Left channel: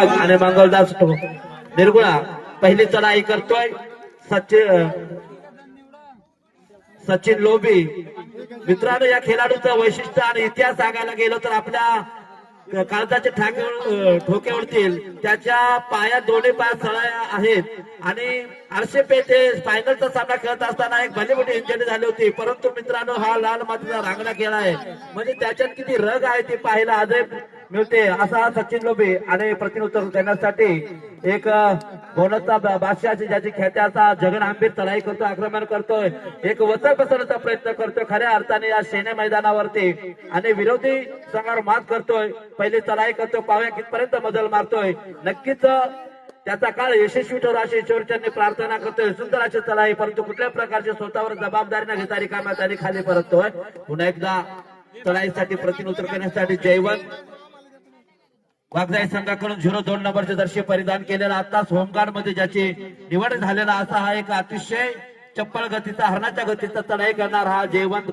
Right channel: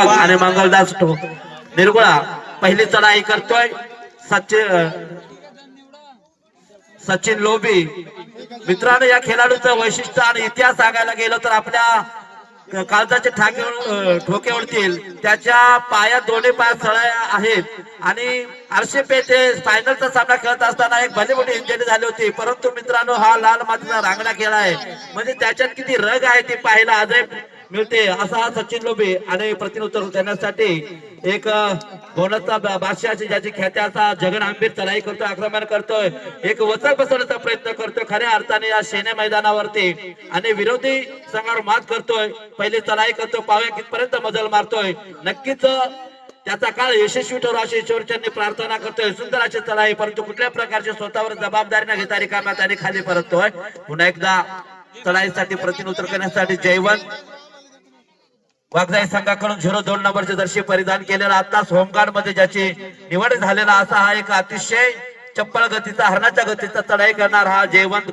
आणि मंगलदास निर्गुणा पहिली चढाई करतोय सचिन लोबी। मित्रांनो, या खेळाडूचं वैशिष्ट्य आणि इतिहास सांगायला गेलो तर आपल्या काळजाचे ठोके उडतील। त्याच्या पायात दोन्ही पाय सळ्या आहेत आणि आरसे पेठे फायनलचा सामना खेळत असताना एक भली मोठी इंजरी झाली होती, परंतु मित्रांनो हा लाल मातीचा रांगडा खेळ आहे, म्हणजे त्याच्यात किती रग आहे ते पाहायला आजही मिळते। असा हा सचिन लोबे आणि प्रतिउत्तर देण्यासाठी एक बोनसचा बादशाह ज्याची ख्याती असा जगन आंबीर चढाई करतोय, आक्रमण करतोय, एक वचन बसवण्याचा प्रयत्न करतोय खऱ्या अर्थाने या सेने मैदानावरती आणि विरोधी संघावर मात करतोय, पहिली चढाई करतोय, पाहूया कितपर्यंत मजल मारतोय। नक्कीच त्याचा काळ यशस्वी ठरो अशी ईश्वरचरणी प्रार्थना करतोय। सुंदर अशी चढाई, परंतु कुठल्या प्रकारची स्वतःवर जबाबदारी न घेता रिकाम्या त्याने खाली परततोय। पुन्हा एकदा चढाईसाठी प्रतिउत्तर करण्यासाठी जयवंत वाघजाई संघाकडून 02 नंबरचे जर्सी परिधान केलेला, आताच होमगार्ड मध्ये ज्याची निवड झालेला असा हा एक अतिशय चप्पल गतीचा हरणाच्या गतीचा चढाई करणार हा जयवंत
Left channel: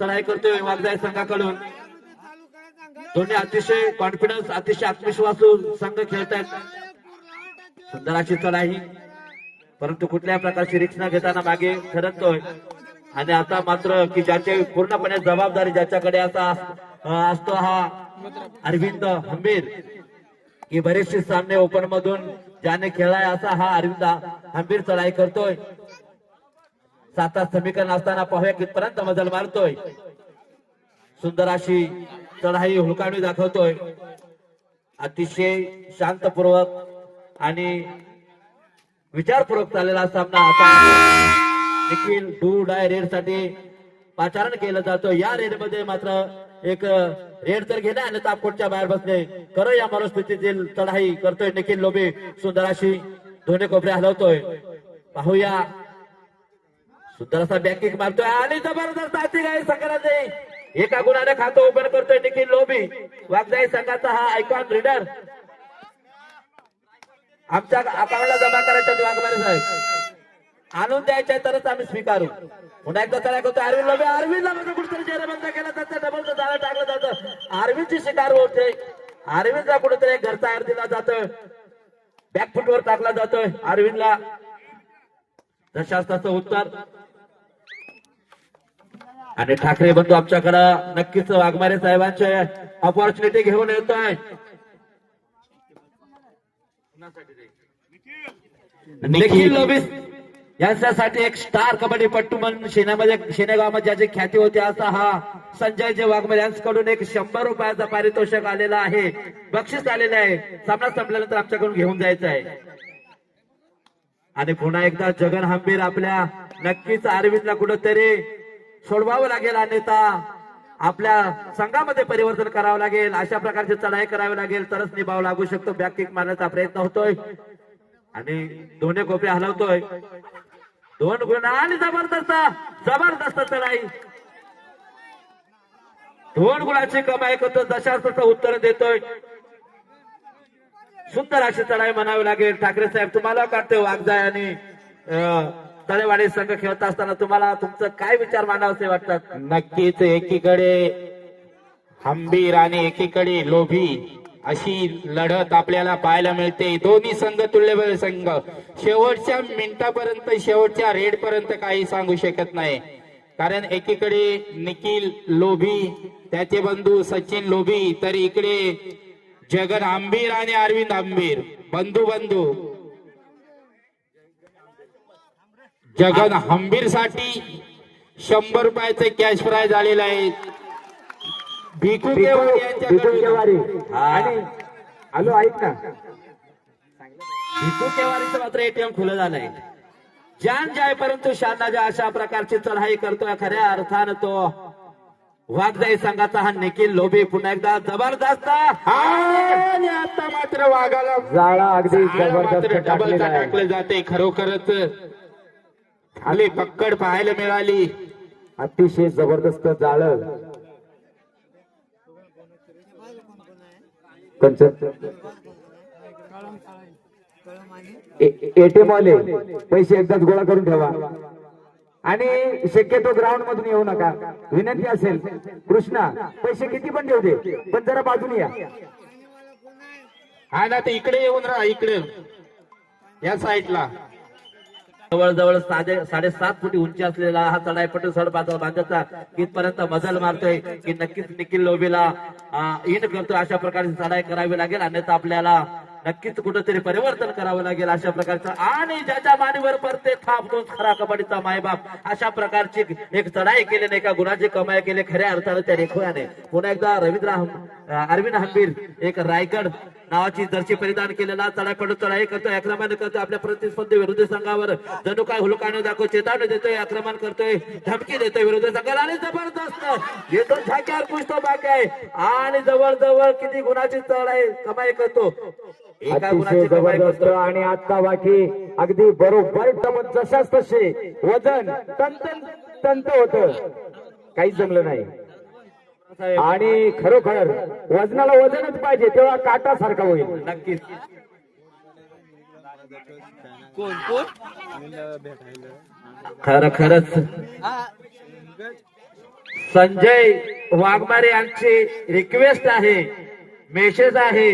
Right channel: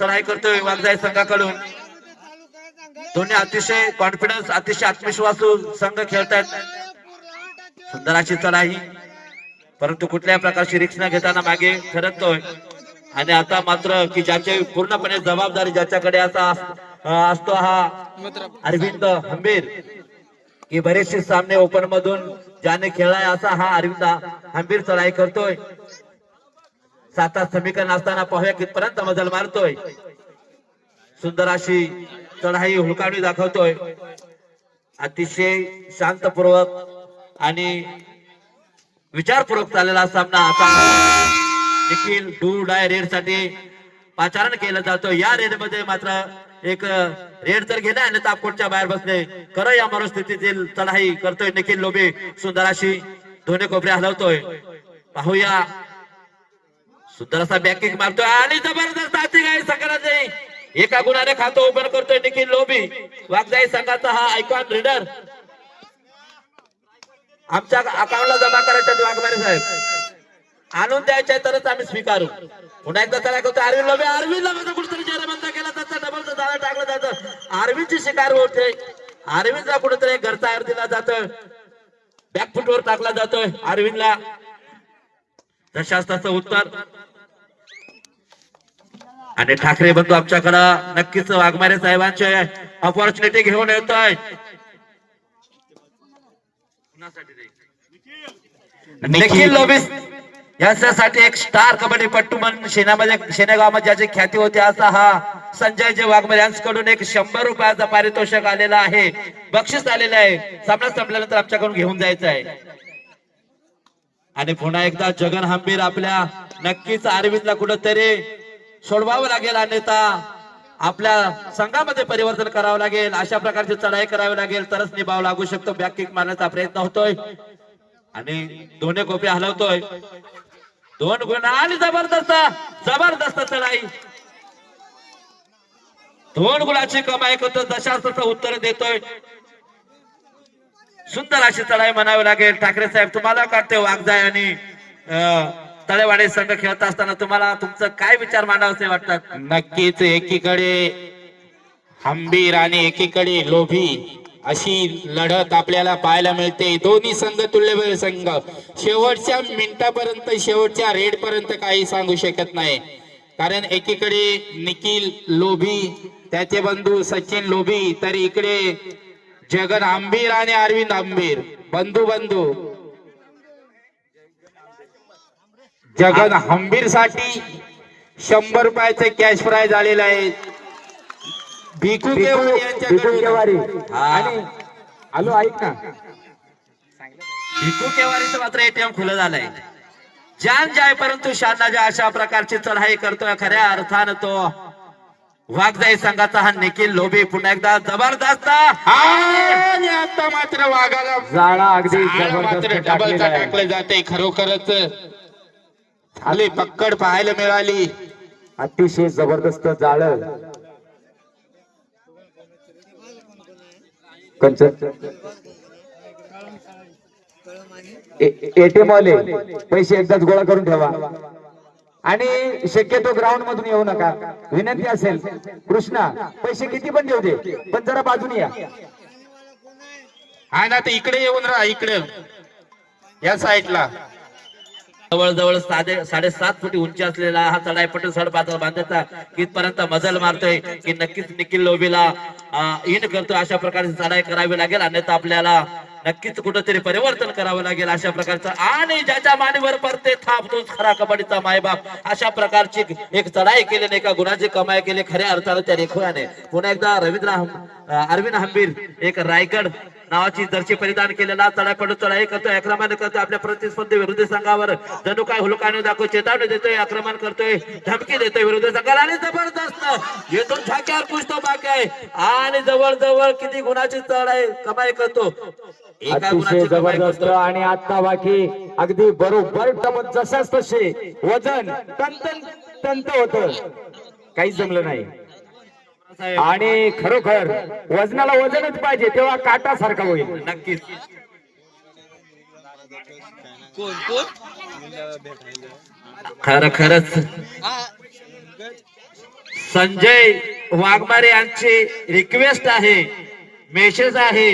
चढाई करतोय वाघजाई संघाकडून। दोन्ही अतिशय कॉन्फिडन्स, अतिशय आत्मविश्वासू संघ खेळतात। सुंदर अशी चढाई, परंतु कुठल्या प्रकारची रिक्स न घेताना मागे सरकतोय आणि आता मात्र की ज्याची पूर्णपणे जबाबदारी ज्याच्याकडे असा असतो हा अरविंद हंबीर, की बरेचसे सामने ओपन मधून ज्याने खेळलाय असा हा अरविंद हंबीर चढाई करतोय। 7 समीकरण असताना पाहूया कितपर्यंत मजल मारतोय। सुंदर अशी चढाई हुलकावणी दाखवतोय, अतिशय शांतपूर्वक आणि विचारपूर्वक चाललेला सामना आता देखील डू डाय रेड साठी पाचारण केलं जातं। या रेड मध्ये मात्र एक रेड तर घेणं आणि तापकोटच्या बाहेर बसणे खरं या मनस्थितीतील चढाई करतोय निखिल लोबे। सुंदर अशी दोन्ही कोपरे हलवतोय, पाहूया सुंदर असा बॅकिंग मारतोय आणि जबरदस्त हाती गाय संघाने एका गुणाने खातं ओपन करतोय निखिल लोबे। वाघजाई संघाचा हा आयकॉन रीडर आमच्या अकाउंटला जमा करायचा वाघमारे साहेब, आणून द्यायचे तरच आम्ही स्वीकारू। पुन्हा एकदा त्याला करतो अरविंद लोबे, अरविंदला मध्ये कुठेतरी जेरबंद केला जातं, डबल जाळं टाकलं जातं, अरविंदची शिकार होते, अरविंदला कुठेतरी घरचा आयर दिला जातोय, बॅकफुटवर टाकला जातोय अरविंदला। तशाच उत्तर आणि ठाकरे बंधू आमच्याकडं नक्कीच वाघमारे साहेबांचे अपॉर्च्युनिटी घेऊन येतोय। निखिल लोबे यासाठी एक स्टार कबड्डीपट्टू म्हणून शेनेगावमध्ये ज्याची ख्याती होती असा हा संजय जे वाघमारे यांच्याकडून एक 100 रुपयाचा पारितोषिक आलेला आहे, बक्षीस आलेलं आहे। सामना संपल्यानंतर आमच्याकडून घेऊन जायचं आहे। आणि पुन्हा एकदा जगन हंबीर आपल्या नक्कीच अरविंदला कुठेतरी सोडवावं लागेल, अन्यथा आपल्या संघामध्ये परिवर्तन करावं लागेल, अशा प्रकारची चढाई करावी लागेल तरच निभाव लागू शकतो। बॅक किक मारण्याचा प्रयत्न होतोय आणि दोन्ही कोपे हलवतोय, 2 गुण आणि जबरदस्त चढाई, 2 गुणाची कमाई करतो, दशाचं उत्तर देतोय। सुंदर अशी चढाई म्हणावी लागेल। ठाकरे साहेब, तुम्हाला काढते वाघजाई आणि तळेवाडी संघ खेळत असताना तुम्हाला तुमचं काय विचार मांडावसे वाटतात? नक्कीच एकीकडे हंबीर आणि एकीकडे लोभी अशी लढत आपल्याला पाहायला मिळते। दोन्ही संघ तुल्यबळ संघ, शेवटच्या मिनिटापर्यंत शेवटच्या रेड पर्यंत काही सांगू शकत नाही, कारण एकीकडे निखिल लोभी त्याचे बंधू सचिन लोभी, तर इकडे जगन आंबीर आणि अरविंद आंबीर बंधू जगन हंबीर साठी 100 रुपयाचे कॅश प्राइज आलेलं आहे। भिकू केवारी आणि आलो ऐक ना, भिकू केवारीचं मात्र एटीएम खुलं झालंय, जान जाय परंतु शाना जाय अशा प्रकारची चढाई करतोय खऱ्या अर्थानं तो वाघजाई संघाचा हा निखिल लोबे। पुन्हा एकदा जबरदस्त आणि आता मात्र वाघाला जाळा अगदी मात्र डबल टाकले जाते। खरोखरच खाली पक्कड पाहायला मिळाली, अतिशय जबरदस्त जाळ एटीएम वाले पैसे एकदाच गोळा करून ठेवा आणि शक्यतो ग्राउंड मधून येऊ नका, विनंती असेल। कृष्णा पैसे किती पण देऊ दे, पण जरा बाजूने या। आहे ना, ते इकडे येऊन राहा, इकडे या साईडला. जवळजवळ 7.5 फुटी उंची असलेला हा चढाई पटेल सड बांधायचा कितपर्यंत मजल मारतोय की नक्कीच निखिल लोबीला इन करतो. अशा प्रकारची चढाई करावी लागेल, अन्यथा आपल्याला नक्कीच कुठेतरी परिवर्तन करावं लागेल अशा प्रकारचं. आणि ज्याच्या मानेवर पडते थाप तोच खरा कबड्डीचा मायबाप. अशा प्रकारची एक चढाई केली, एका गुणाची कमाई केली खऱ्या अर्थाने त्या रेखोयाने. पुन्हा एकदा अरविंद हंबीर एक रायगड नावाची जर्सी परिधान केलेला चढाई पडू चढाई करतोय, आक्रमण करतोय आपल्या प्रतिस्पर्धी विरुद्ध संघावर. जणू काय हुलकाने दाखव चेतावणी देतोय, आक्रमण करतोय, धमकी देतोय विरुद्ध संघाला. आणि जबरदस्त येथून ठाक्यावर पुसतो बाकी आहे. आणि जवळजवळ किती गुणाची चढाई कमाई करतो, एका गुणाची कमाई जबरदस्त. करतो. आणि आता बाकी अगदी बरोबर जशाच तसे वजन तंत होत, काहीच जमलं नाही. आणि खरोखर वजनाला वजनच पाहिजे, तेव्हा काटा सारखा होईल. नक्कीच खरंच संजय वाघमारे यांची रिक्वेस्ट आहे, मेसेज आहे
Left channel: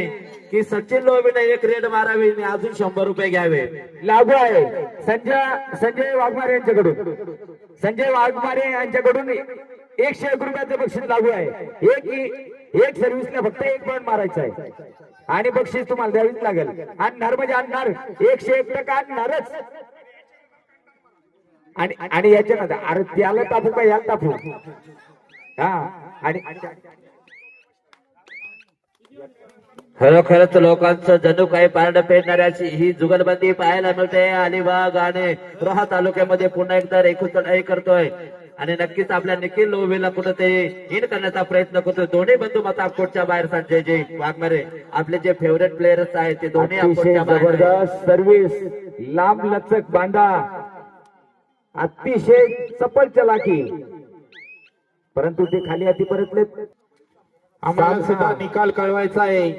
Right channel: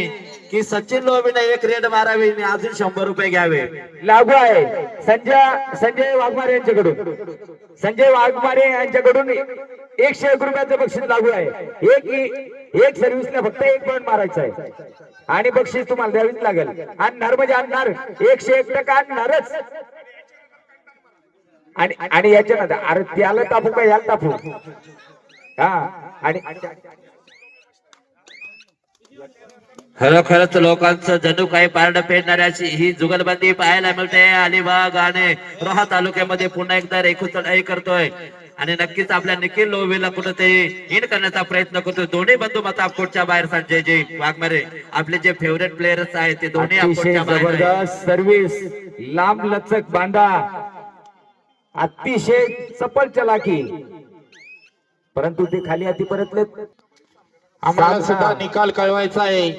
की सचिन लोबीने एक रेड मारावी, मी अजून 100 रुपये घ्यावे. लागू आहे संजय वाघमारे यांच्याकडून. संजय वाघमारे यांच्याकडून 101 रुपयाचं बक्षीस लागू आहे. एक सर्व्हिसला फक्त 1 पॉईंट मारायचा आहे आणि बक्षीस तुम्हाला द्यावीच लागेल. आणणार म्हणजे आणणार, 101% आणणारच. आणि याच्या नंतर अरे त्याला तापू का याला तापू. हा आणि खरोखरच लोकांचं जणू काही पारड पेटणाऱ्याची ही जुगलबंदी पाहायला मिळते. अलिबाग आणि रोहा तालुक्यामध्ये पुन्हा एकदा रेखू चढाई करतोय आणि नक्कीच आपल्या निखिल लोबीला कुठेतरी इन करण्याचा प्रयत्न करतोय. दोन्ही बंधू माता अफकोटच्या बाहेर. संजय वाघमारे आपले जे फेवरेट प्लेयर्स आहेत ते दोन्ही अतिशय अफकोटच्या बाहेर. जबरदस्त सर्व्हिस, लांब लचक बांधा, अतिशय चपल चलाकी, परंतु ते खाली हाती परतलेत. आम्हाला सुद्धा निकाल कळवायचा आहे.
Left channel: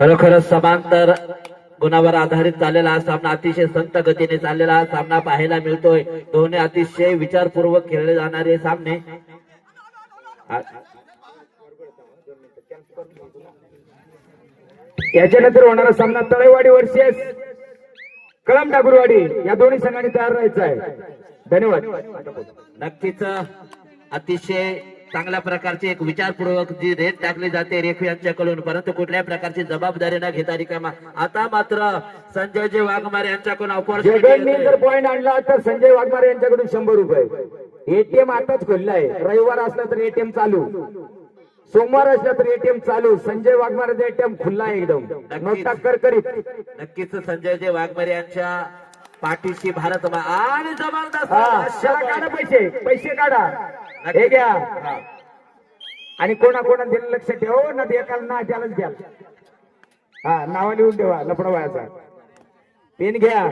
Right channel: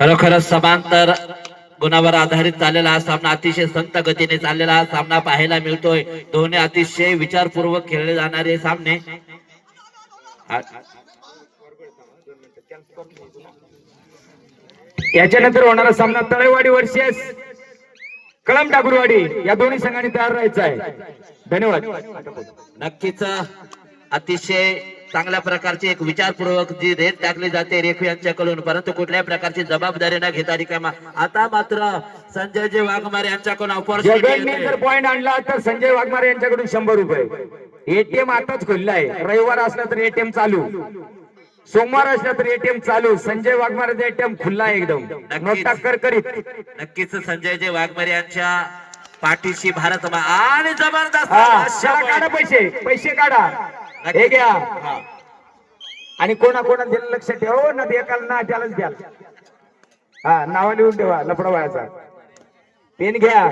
खरोखरच समांतर गुणावर आधारित चाललेला हा सामना, अतिशय संत गतीने चाललेला हा सामना पाहायला मिळतोय. दोन्ही अतिशय विचारपूर्वक खेळले जाणारे सामने. याच्यानंतर होणारा सामना तळेवाडी वर्सेस कळम ठाकूरवाडी या दोन्ही संघांनी तयार राहायचं आहे. धन्यवाद. नक्कीच अतिशय चांगल्या प्रकारची एक विचारपूर्वक जी रेत टाकली जाते रेखू यांच्याकडून, परंतु कुठल्याही प्रकारची जबाबदारी न घेता रिकामा. आता मात्र संजयजी वाघमारे यांच्याकडून जगनने जर पॉइंट आणला तर संजय वाघमारे यांच्याकडून 100 रुपये. एटीएम आताच खुलला आहे. रविवार असला तर एटीएम चालू, सोमवार असला तर एटीएम चालू. संजय वाघमारेचा एटीएम खुल्ला आहे एकदम, नोटा करकरीत. नक्कीच संजयजी वाघमारे यांच्या पाठीशी भारत आणि जबरदस्त काढा पैसे काढा, हे घ्या. आणि कोणा दिलं लक्ष ठेव ना, एकाला ना त्यालाच द्या. हा, नाव लिहून ठेवा लपडवायचा. पेन घ्या.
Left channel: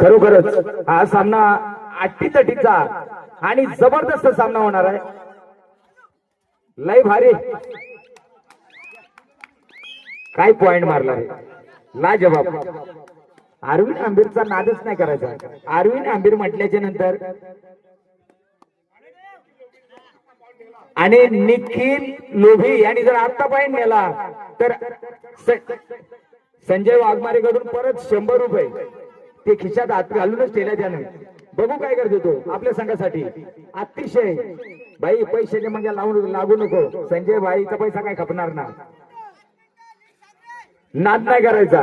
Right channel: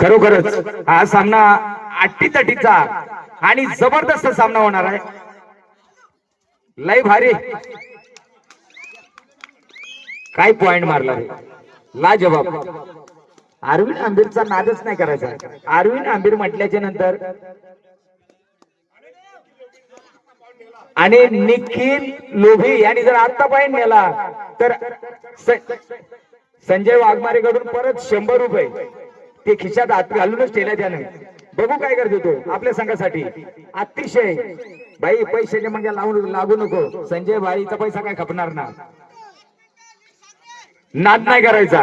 खरोखरच हा सामना अट्टीतटीचा आणि जबरदस्त सामना होणार आहे. लय भारी, काय पॉइंट मारला रे, लाजवाब. अरविंद आंबीरचा नादच नाही करायचा. अरविंद आंबीर म्हटल्याच्या नंतर आणि निखिल लोभी यांनी जर आता पॉइंट नेला तर संजय वाघमारे कडून परत 100 रुपये ते खिशात हात घालूनच ठेवल्या त्याने. बघू काय करतो तो आपल्या संघासाठी. अतिशय बाई पैशाच्या म्हणजे लागू नको. संजय भाईचा पैसा काय खपणार ना, नाद नाही करायचा.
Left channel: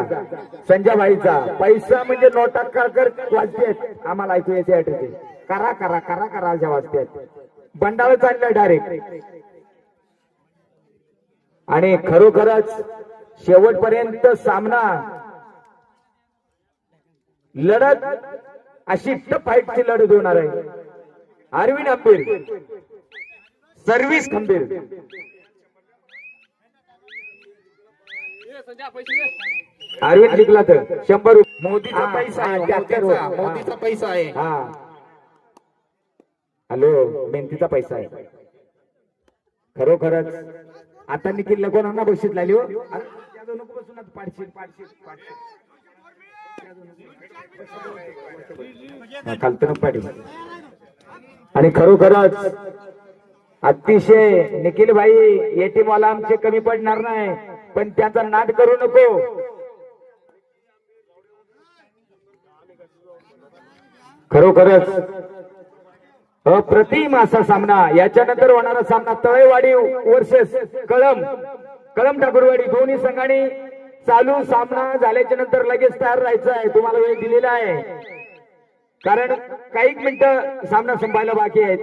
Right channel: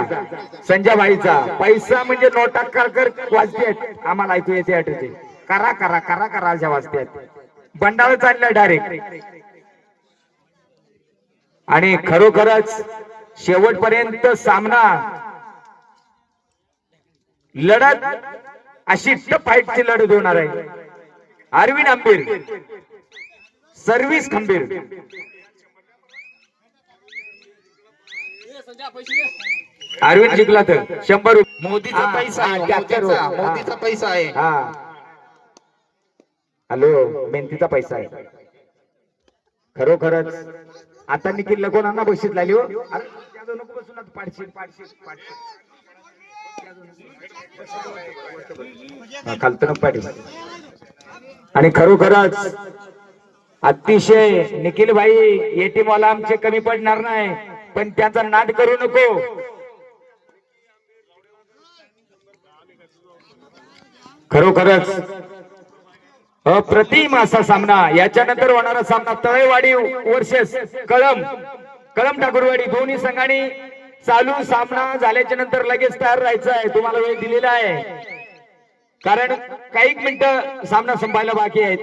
संजय भाईचा पैसा म्हणजे नोटा कर वाजतेत, आम्हाला ऐकू येते आठवते. करा करा करा करा अशा वाजतेत. बंडाळ चाललाय डायरेक्ट. आणि खरोखरच शेवटपर्यंत सामना लढत अशी फाईटची लढत होणार आहे. अरविंद आंबीर सर्व्हिस खंबीर. अरविंद जिंकला तर 100 रुपये. मोदीचा पैसा आहे, ट्रॅक्टर मोदीचा पैसा आहे. हा हॅलो, मेहनतीचा पैसा आहे खरोखरच. आता निखिल कोणाला बक्षीस लागली हो. अरे, त्याचं नको बसून आता पाडशील. हा, खालतं नको पाडील. आणि खरोखरच अतिशय निखिल भाई येटी मला आमचे कमी पडणार नाही, पण त्याचा नाद करू नको. खरोखरच अप्रतिम असा सामना. याच्यानंतर होणारा सामना तळेवाडी वर्सेस कळम ठाकूरवाडी. दोन्ही संघांनी चालू सामना झाल्याच्या नंतर लगेच तयार राहायचं आहे. तुम्हाला वेळ दिलेला आहे, कारण काही मिनिटं सामना संपायला बाकी आहेत.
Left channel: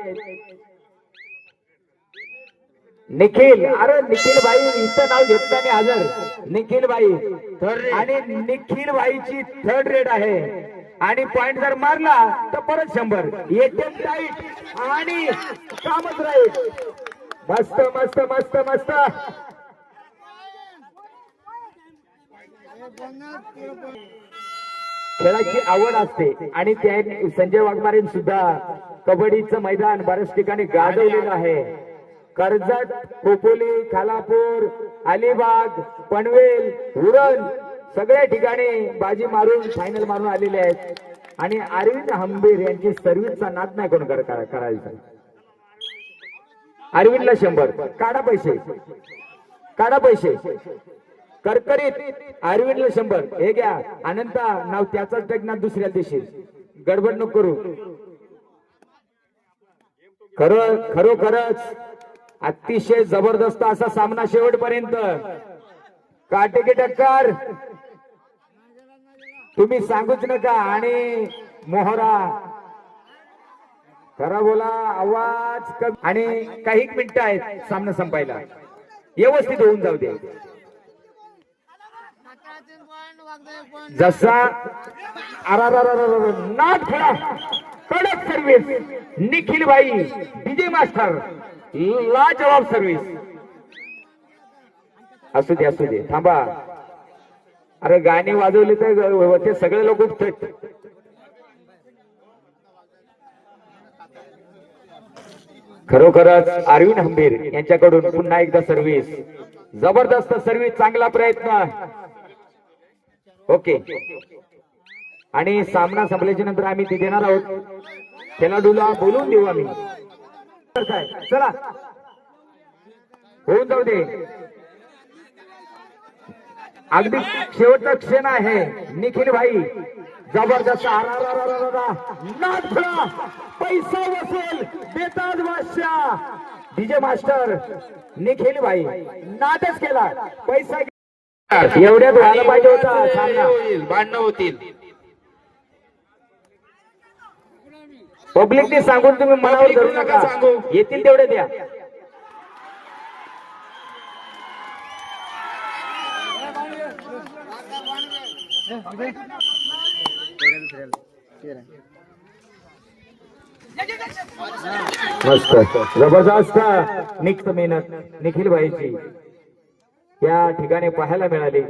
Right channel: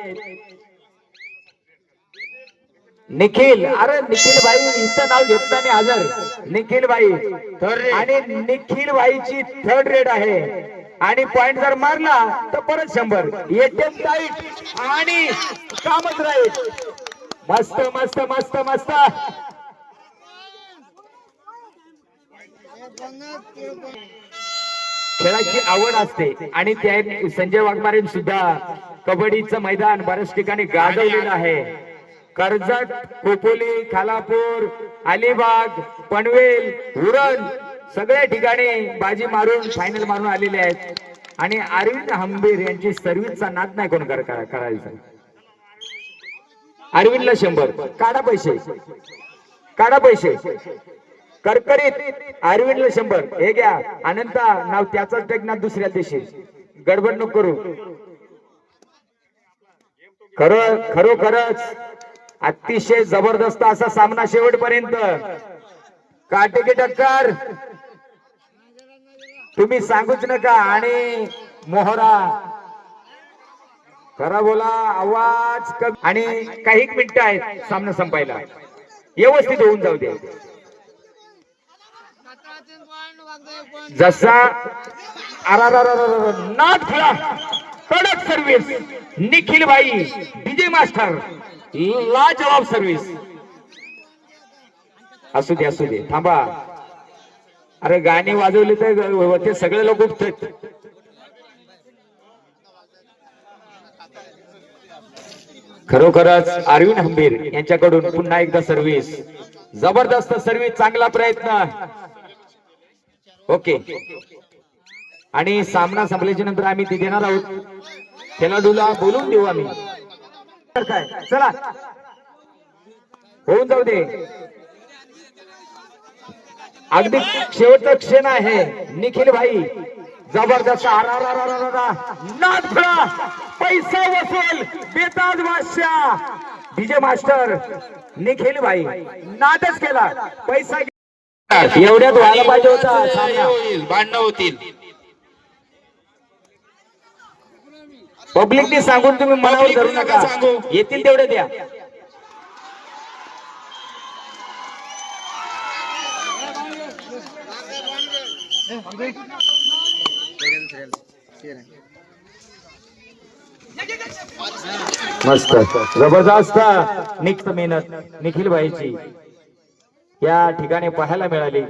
निखिल, अरे निखिल भाई इथं नाव घेतल्याने हजर निखिल भाई. आणि निखिल भाईची 3rd रेड आहे. आणि पॉइंट जर मारला तर परत 100. एटीएम टाईट आणि कामच राहील. मस्त मस्त मस्त मस्त. खेळाची आवड असते आणि त्या संजय वाघमारे सुद्धा कबड्डीचं मैदान बऱ्याच ठिकाणी गाजवलेलं आहे. कर्जत, खोपोली, खालापूर, अलिबाग, पनवेल, उरण सगळ्या ठिकाणी बाजी मारून फायनल मारून आलेले आहेत. आणि अरविंद हंबीर यांची सर्व्हिसचा नाद नाही कोण करायचा. अरविंदला 100. काढा पैसे करकरीत. अरविंदला 100. हे घ्या. अनंता नाव त्याचाच टेकणार दुसऱ्या दिवशी. गडबड नको करू. खरोखरच अतिशय जबरदस्त असा सामना शेवटपर्यंत. काटेकी टक्कर, तुम्ही सांगूच नका. आणि मोहरा खरा बोला, आवाज कमी. आणि काही मिनिटं आहेत सामना संपायला. व्यवस्थित होऊन जाऊ दे. जसा नाद खुला कडक सर्व्हिस. निखिल भाई डीजे मास्टर लाजवाब सर्व्हिस. असू दे थांबा. अरे गाणी वाजवली तर ते सगळे लोक उठतात. खरोखरच अरविंद हंबीर यांच्याकडून पुन्हा एकदा सर्व्हिस. जबरदस्त सर्व्हिस, चांगला प्रयत्न. ओके. आणि सामना संपल्याच्या नंतर आम्ही ते देणार आहोत. त्याला दुला बोलून देऊ आम्ही. काय चला होऊन जाऊ दे. अगदी शेवटचा क्षण आहे. निखिल भाई जबरदस्त. नाद खुळा, पैसा वसूल, बेताज बादशाह डीजे मास्टर निखिल भाई नादच केला. पैसा एवढ्यात व्हायला पाहिजे होता सामना. भांडणं होतील. पब्लिकने सांगून तुम्ही मनावर धरू नका. येतील तेवढे द्या. मस्त जबरदस्त निखिल मेहनत निखिल भाईची या ठिकाणी पाहायला मिळाली.